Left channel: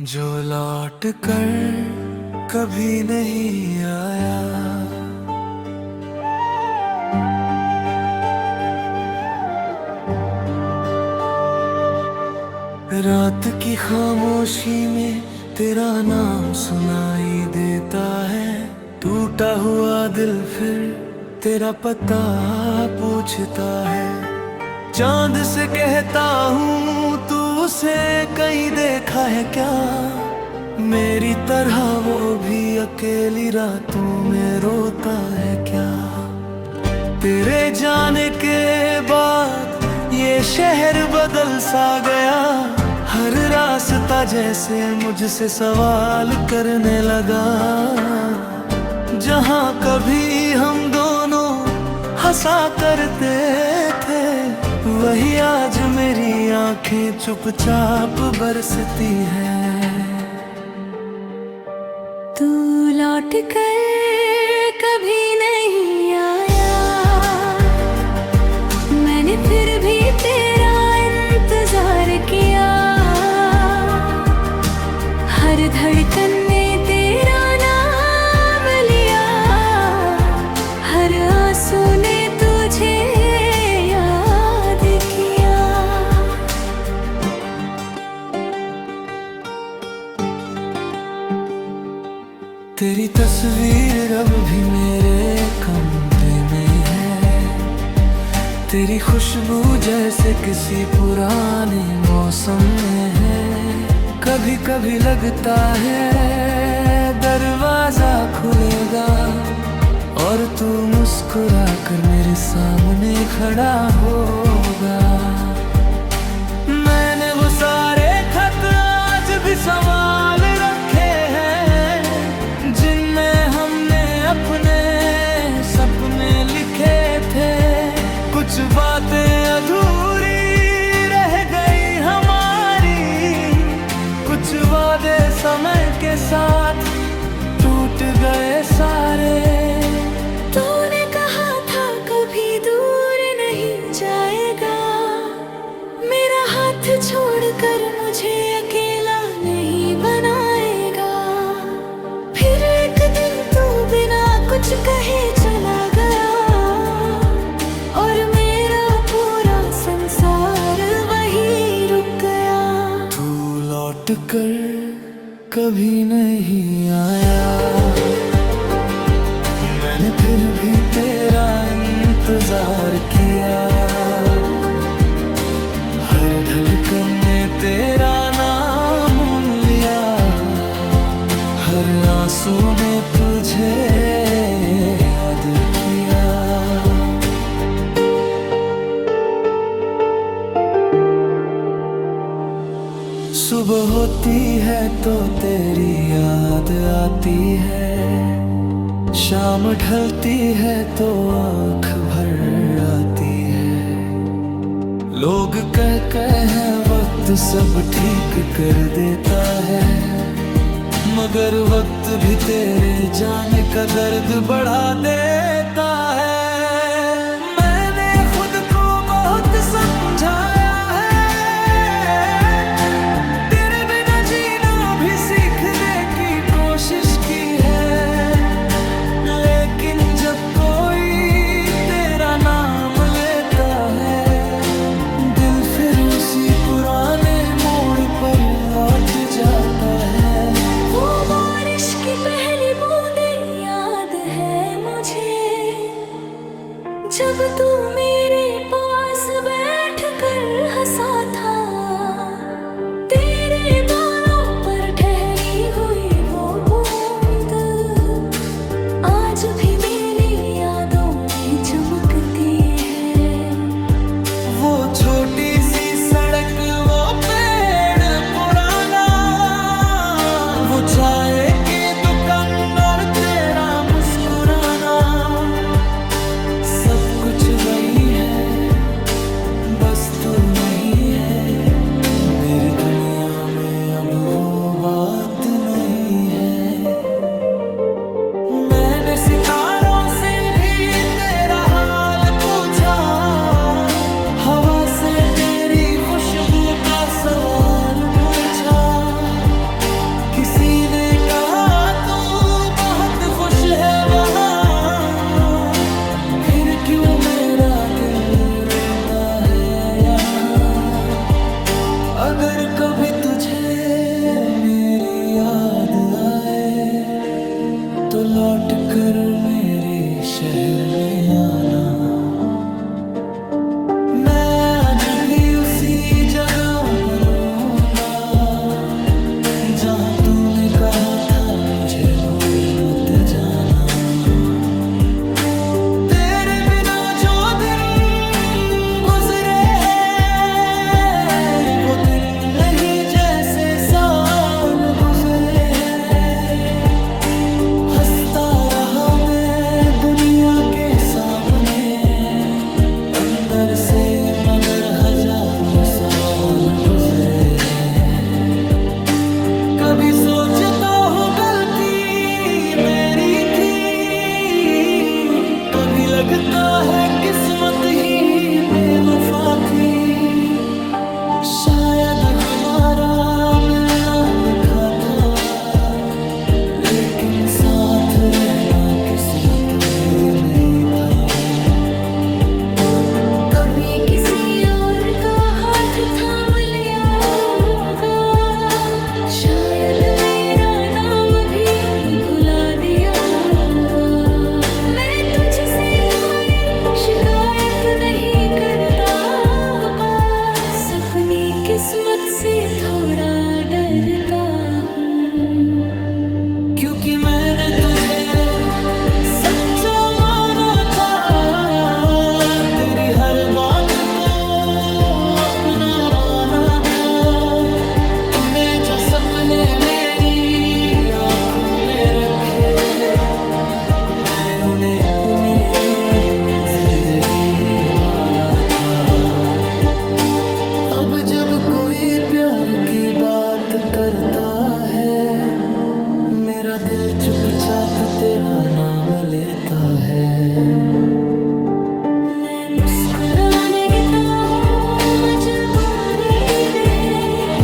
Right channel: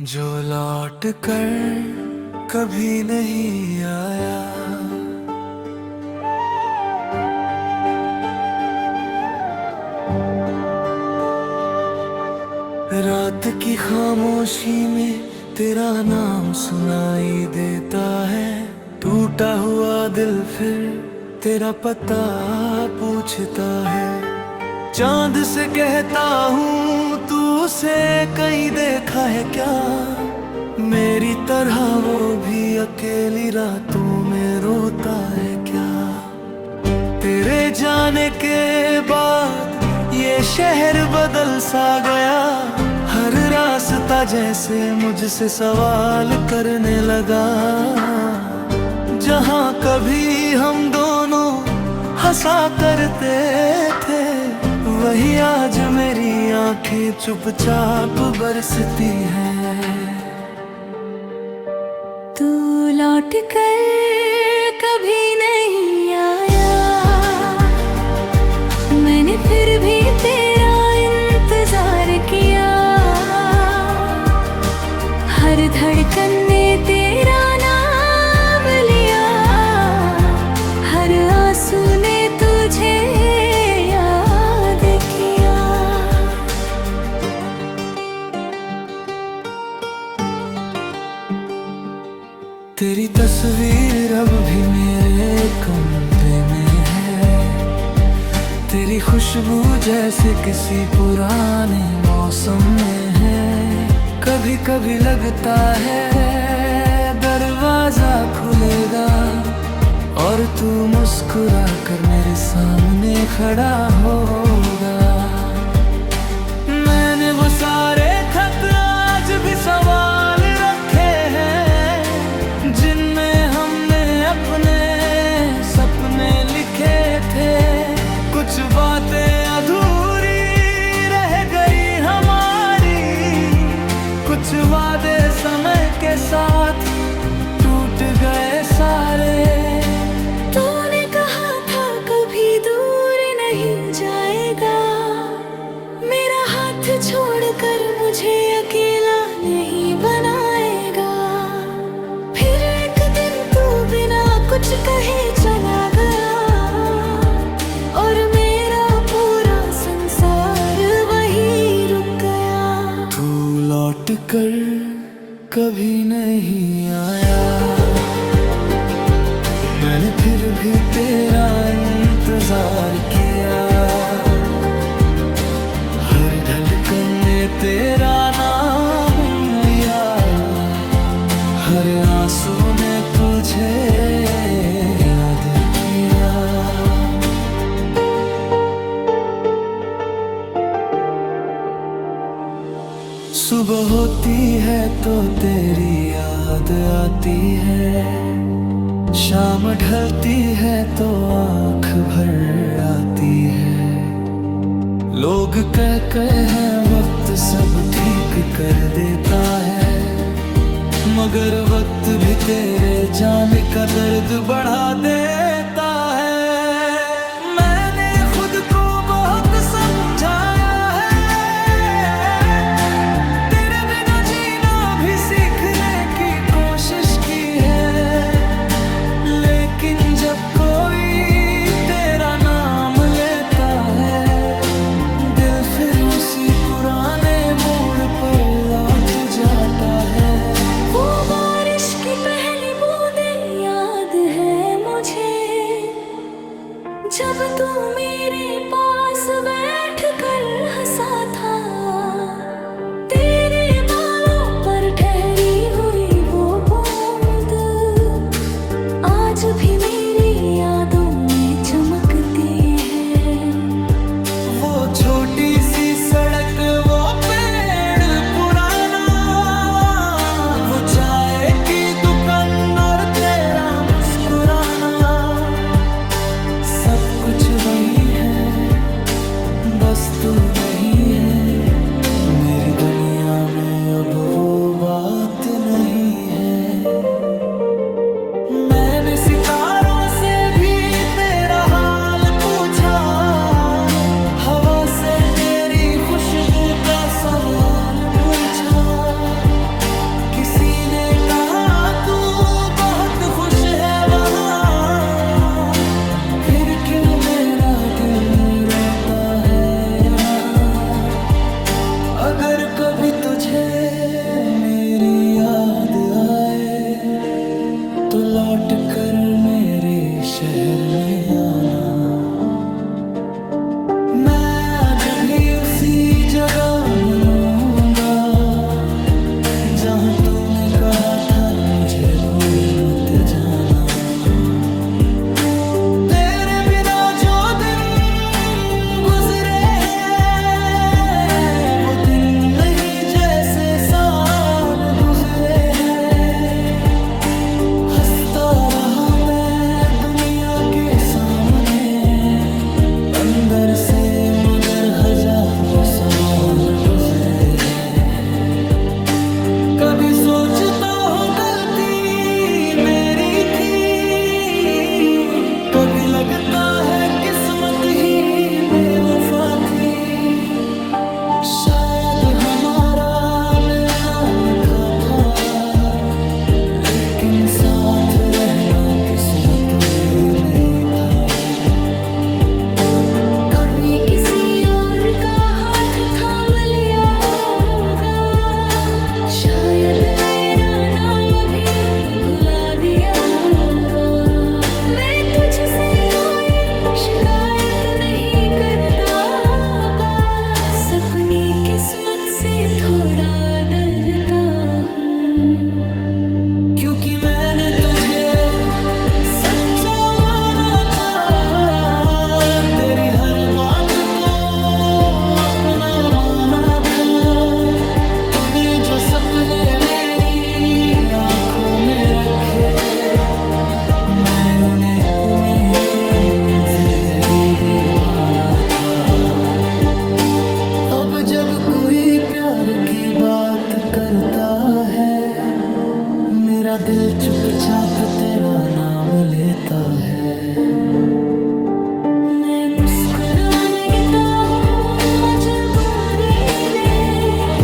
जो लौट कर कभी नहीं आया, रात की खामोशी में तेरा नाम सुनाई देता है। टूटा हुआ दिल फिर तेरा पता पूछता है। चांद से कहता हूँ तू उसे कहीं देखा है क्या? मेरी तरह वो भी अकेली रातों में रोता है क्या? तेरे जाने के बाद ये शहर बदल सा गया। हर रास्ता जैसे मुझसे सवाल करने लगा। जहाँ कभी हम दोनों हंसा करते थे, वही आज मेरी आंखें चुपचाप बरसती हैं। तू लौट कर कभी नहीं आया, मैंने फिर भी तेरा इंतजार किया। हर धड़कन ने तेरा नाम लिया, हर आंसू ने तुझे याद किया। तेरी तस्वीर अब भी मेरे कमरे में है। तेरी खुशबू जैसे किसी पुराने मौसम में है। कभी कभी लगता है दरवाजा खुलेगा और तू मुस्कुरा कर मेरे सामने खड़ा होगा। मैंने वो सारे खत आज भी सवाल रखे हैं, जिनमें हमने अपने सपने लिखे थे। कुछ बातें अधूरी रह गई हमारी, कुछ वादे समय के साथ टूट गए सारे। तूने कहा था कभी दूर नहीं जाएगा, मेरा हाथ छोड़कर मुझे अकेला नहीं बनाएगा। फिर एक दिन तू बिना कुछ कहे चला गया, और मेरा पूरा संसार वही रुक गया। तू लौट कर कभी नहीं आया, मैंने फिर भी तेरा इंतजार किया। हर धड़कन ने तेरा नाम लिया, हर आंसू ने तुझे याद किया। सुबह होती है तो तेरी याद आती है, शाम ढलती है तो आँख भर आती है। लोग कहते हैं वक्त सब ठीक कर देता है, मगर वक्त भी तेरे जाने का दर्द बढ़ा देता है। मैंने खुद को बहुत समझाया है, तेरे बिना जीना भी सीखने की कोशिश की है। लेकिन जब कोई तेरा नाम लेता है, दिल फिर उसी पुराने मोड़ पर लौट जाता है। वो बारिश की पहली बूंदें याद है मुझे, जब तू मेरे पास बैठकर हंसा था। तेरे बालों पर ठहरी हुई वो बूंद आज भी मेरी यादों में चमकती है। वो छोटी सी सड़क, वो पेड़ पुराना, वो चाय की दुकान और तेरा मुस्कुराना, सब कुछ वही है, बस तू नहीं है। मेरी दुनिया में अब वो बात नहीं है। मैंने सितारों से भी तेरा हाल पूछा, हवा से तेरी खुशबू का सवाल पूछा। किसी ने कहा तू बहुत खुश है वहाँ, फिर क्यों मेरा दिल रोता है यहाँ। अगर कभी तुझे मेरी याद आए तो लौट कर मेरे शहर में आना। मैं आज भी उसी जगह मिलूंगा जहाँ तूने कहा था मुझे भूल मत जाना। तेरे बिना जो दिन गुजरे हैं वो दिन नहीं जैसे साल गुजरे हैं। हंसता रहा मैं दुनिया के सामने, अंदर से मगर हजारों सवाल गुजरे हैं। कभी सोचता हूँ गलती मेरी थी, कभी लगता है किस्मत ही बेवफा थी। शायद हमारा मिलना लिखा था, लेकिन साथ रहना किस्मत में नहीं था। कभी किसी और का हाथ थाम लिया होगा, शायद मेरा नाम भी भुला दिया होगा। मैं तुझसे कोई शिकायत नहीं करता, बस अपनी किस्मत से थोड़ा डरता हूँ। क्योंकि मैंने तुझे सच्चा माना था, तेरी हर बात को अपना माना था। तूने जो सपने मेरी आंखों में रखे, मैंने उन्हें अपनी जिंदगी माना था। अब जब कोई प्यार की बात करता है, मेरा दिल चुपचाप तेरा नाम लेता है। मैं मुस्कुरा देता हूँ मजबूरी में,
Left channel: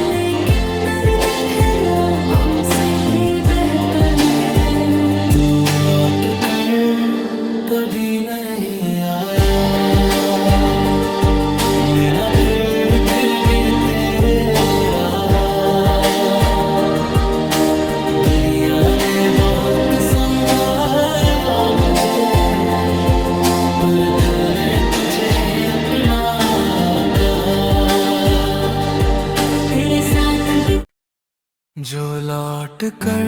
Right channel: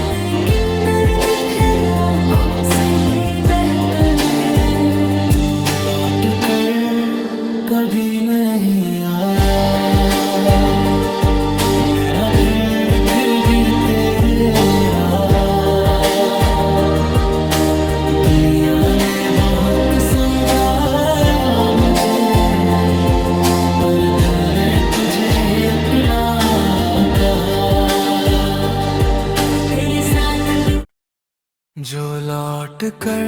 लेकिन दर्द फिर आँखों से बहता है। तू लौट कर कभी नहीं आया, मेरा फिर भी तेरे रहा। दुनिया ने बहुत समझाया मुझे, पर दिल ने तुझे ही अपना कहा। तेरे साथ भी जो लौट कर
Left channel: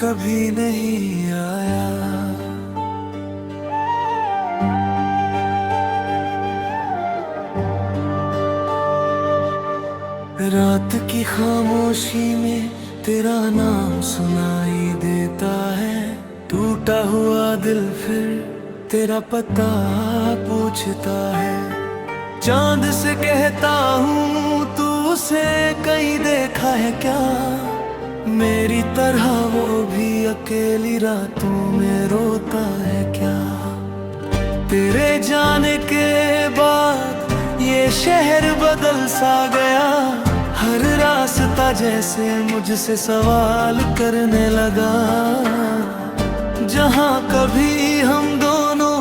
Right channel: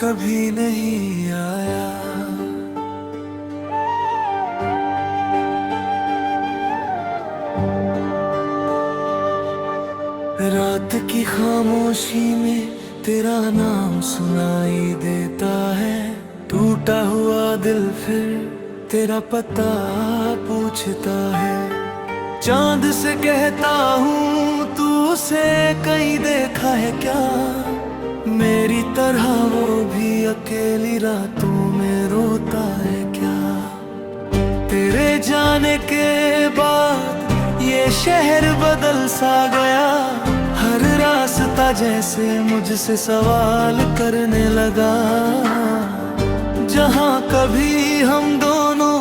कभी नहीं आया। रात की खामोशी में तेरा नाम सुनाई देता है। टूटा हुआ दिल फिर तेरा पता पूछता है। चांद से कहता हूँ तू उसे कहीं देखा है क्या, मेरी तरह वो भी अकेली रातों में रोता है क्या। तेरे जाने के बाद ये शहर बदल सा गया, हर रास्ता जैसे मुझसे सवाल करने लगा। जहाँ कभी हम दोनों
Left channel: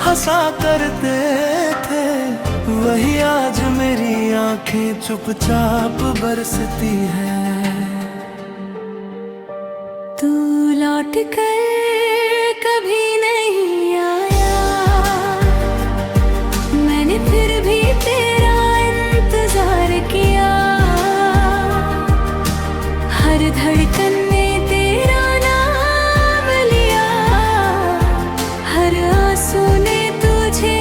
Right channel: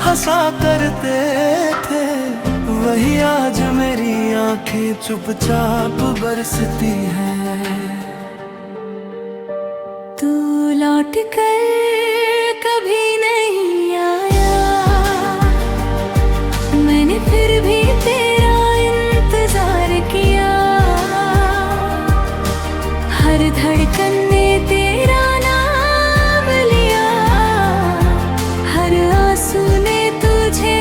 हंसा करते थे, वही आज मेरी आंखें चुपचाप बरसती हैं। तू लौट कर कभी नहीं आया, मैंने फिर भी तेरा इंतजार किया। हर धड़कन ने तेरा नाम लिया, हर आंसू ने तुझे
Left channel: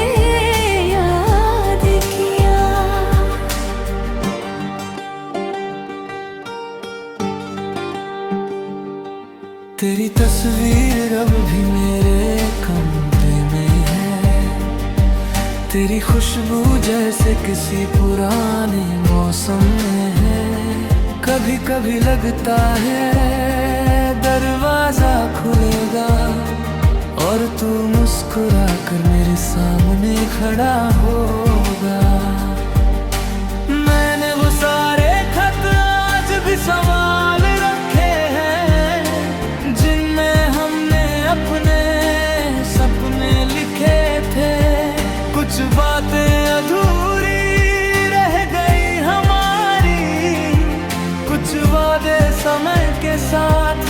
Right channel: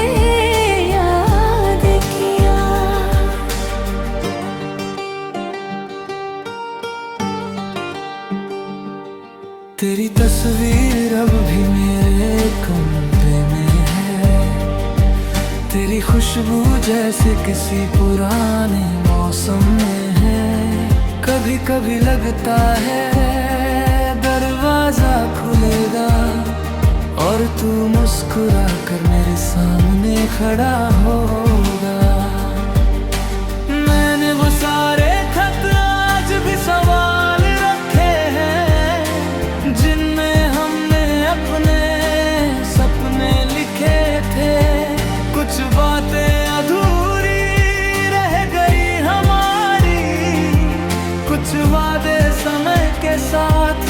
याद किया। तेरी तस्वीर अब भी मेरे कमरे में है, तेरी खुशबू जैसे किसी पुराने मौसम में है। कभी कभी लगता है दरवाजा खुलेगा और तू मुस्कुरा कर मेरे सामने खड़ा होगा। मैंने वो सारे खत आज भी संवार अपने सपने लिखे थे, कुछ बातें अधूरी रह गई हमारी, कुछ वादे समय के साथ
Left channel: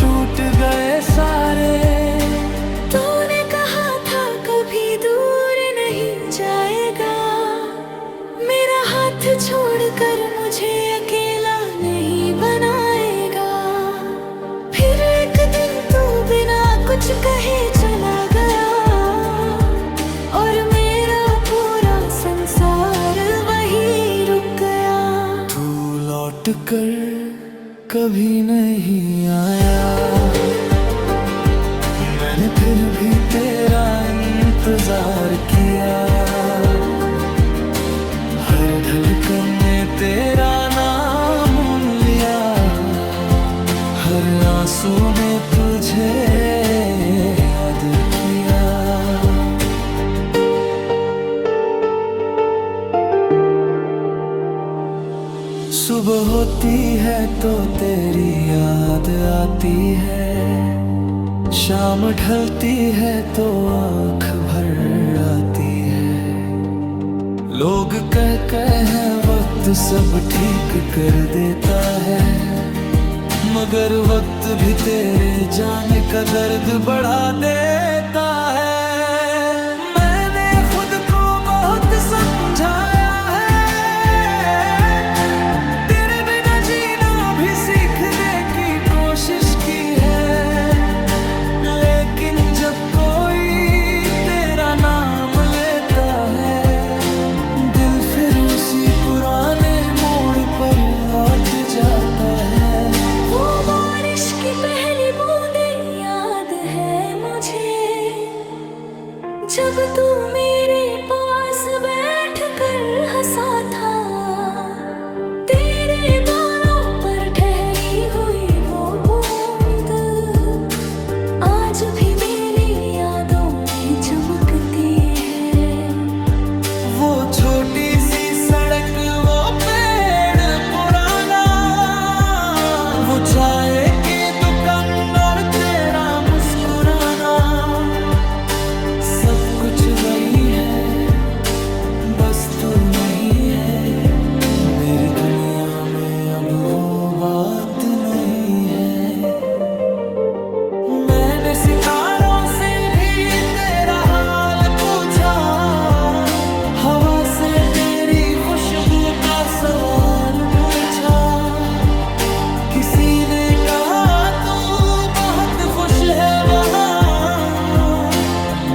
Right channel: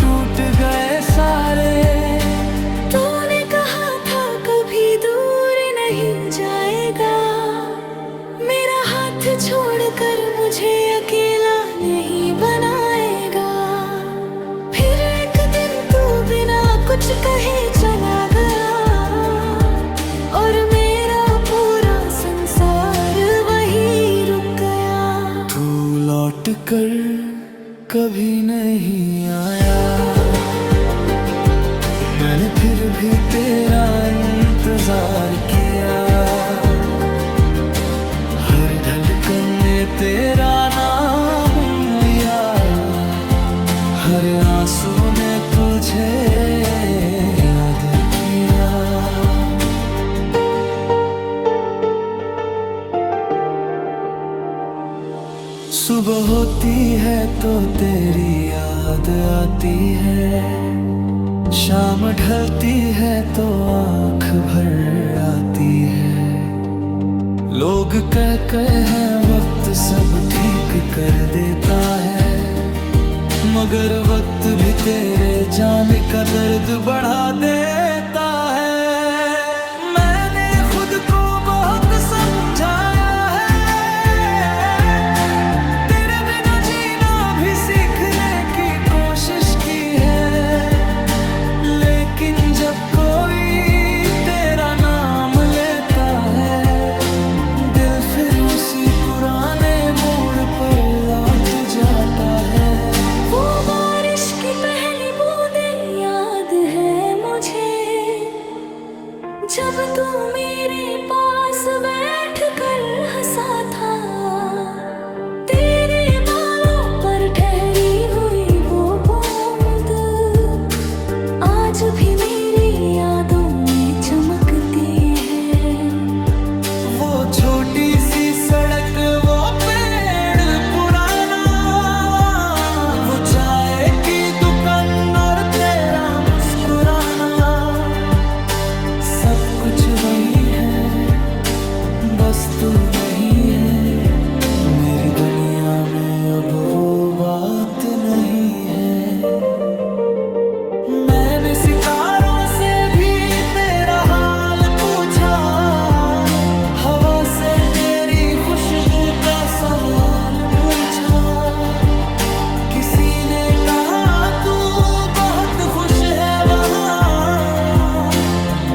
टूट गए सारे। तूने कहा था कभी दूर नहीं जाएगा, मेरा हाथ छोड़कर मुझे अकेला नहीं बनाएगा। फिर एक दिन तू बिना कुछ कहे चला गया, और मेरा पूरा संसार वही रुक गया। तू लौट कर कभी नहीं आया, मैंने फिर भी तेरा इंतजार किया। हर धड़कन ने तेरा नाम लिया, हर आंसू ने तुझे याद किया। सुबह होती है तो तेरी याद आती है, शाम ढलती है तो आँख भर आती है। लोग कहते हैं वक्त सब ठीक कर देता है, मगर वक्त भी तेरे जाने का दर्द बढ़ा देता है। मैंने खुद को बहुत समझाया है, तेरे बिना जीना भी सीखने की कोशिश की है, लेकिन जब कोई तेरा नाम लेता है, दिल फिर उसी पुराने मोड़ पर लौट जाता है। वो बारिश की पहली बूंदें याद है मुझे, जब तू मेरे पास बैठकर हंसा था। तेरे बालों पर ठहरी हुई वो बूंद आज भी मेरी यादों में चमकती है। वो छोटी सी सड़क, वो पेड़ पुराना, वो चाय की दुकान और तेरा मुस्कुराना, सब कुछ वही है, बस तू नहीं है। मेरी दुनिया में अब वो बात नहीं है। मैंने सितारों से भी तेरा हाल पूछा, हवा से तेरी खुशबू का सवाल पूछा। किसी ने कहा तू बहुत खुश है वहाँ,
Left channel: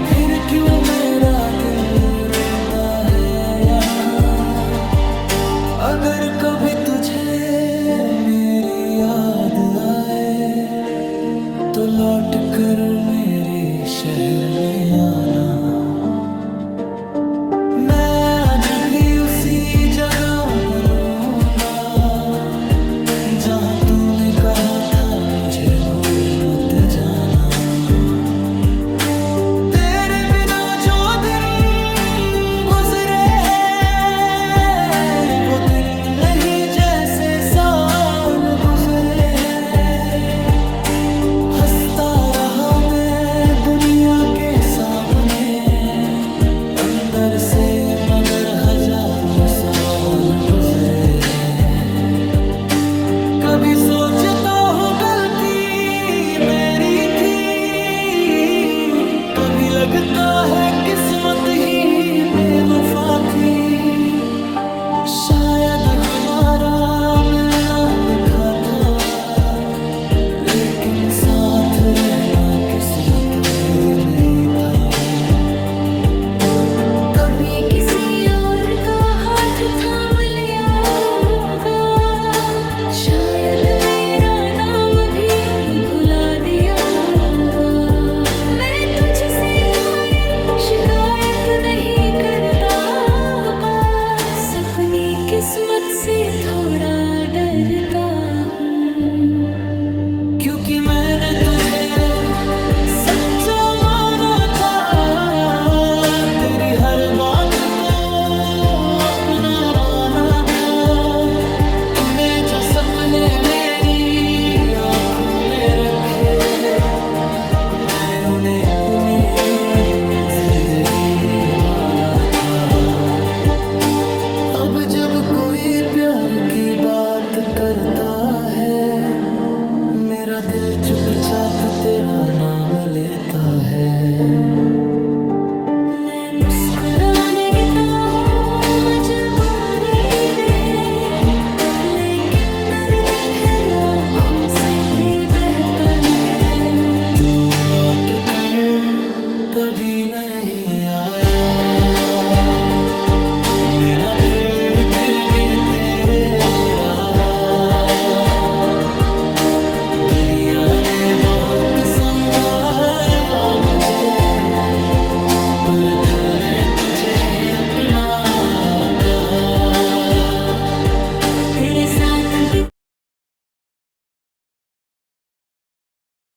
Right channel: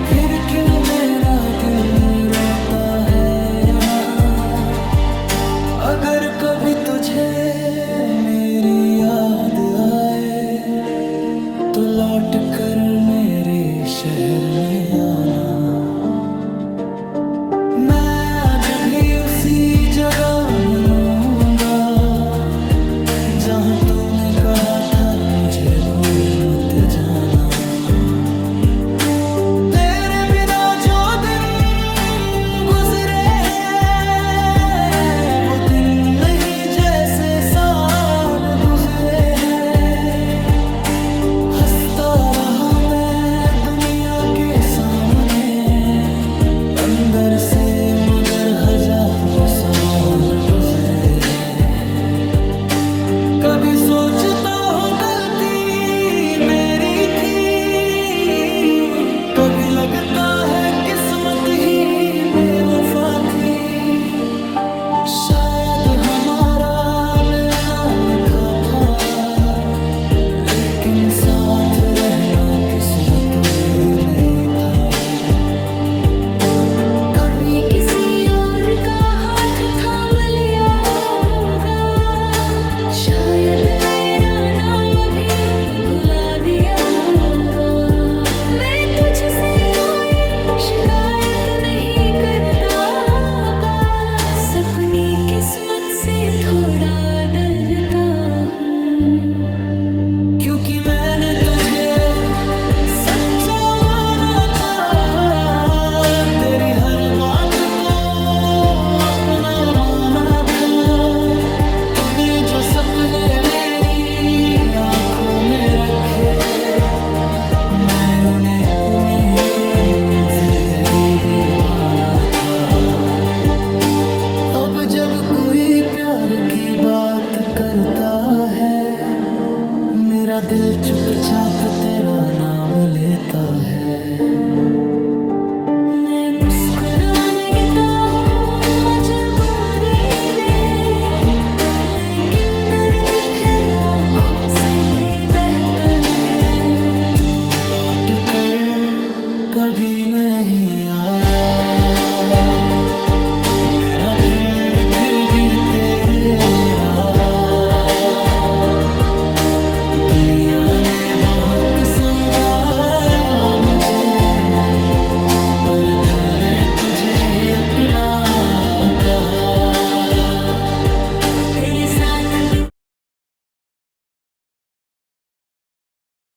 फिर क्यों मेरा दिल रोता है यहाँ। अगर कभी तुझे मेरी याद आए, तो लौट कर मेरे शहर में आना। मैं आज भी उसी जगह मिलूंगा, जहाँ तूने कहा था मुझे भूल मत जाना। तेरे बिना जो दिन गुजरे हैं, वो दिन नहीं जैसे साल गुजरे हैं। हंसता रहा मैं दुनिया के सामने, अंदर से मगर हजारों सवाल गुजरे हैं। कभी सोचता हूँ गलती मेरी थी, कभी लगता है किस्मत ही बेवफा थी। शायद हमारा मिलना लिखा था, लेकिन साथ रहना किस्मत में नहीं था। कभी किसी और का हाथ थाम लिया होगा, शायद मेरा नाम भी भुला दिया होगा। मैं तुझसे कोई शिकायत नहीं करता, बस अपनी किस्मत से थोड़ा डरता हूँ। क्योंकि मैंने तुझे सच्चा माना था, तेरी हर बात को अपना माना था। तूने जो सपने मेरी आंखों में रखे, मैंने उन्हें उन्हें जिंदगी माना था। अब जब कोई प्यार की बात करता है, मेरा दिल चुपचाप तेरा नाम लेता है। मैं मुस्कुरा देता हूँ मजबूरी में, लेकिन दर्द फिर आँखों से बहता है। तू लौट कर कभी नहीं आया, मैं ना फिर भी तेरे रहा। दुनिया ने बहुत समझाया मुझे, पर दिल ने तुझे ही अपना